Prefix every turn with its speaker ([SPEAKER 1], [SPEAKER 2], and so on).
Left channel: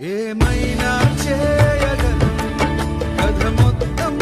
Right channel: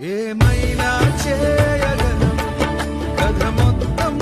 [SPEAKER 1] ఏమైనా చేయగలను? కథ మొత్తం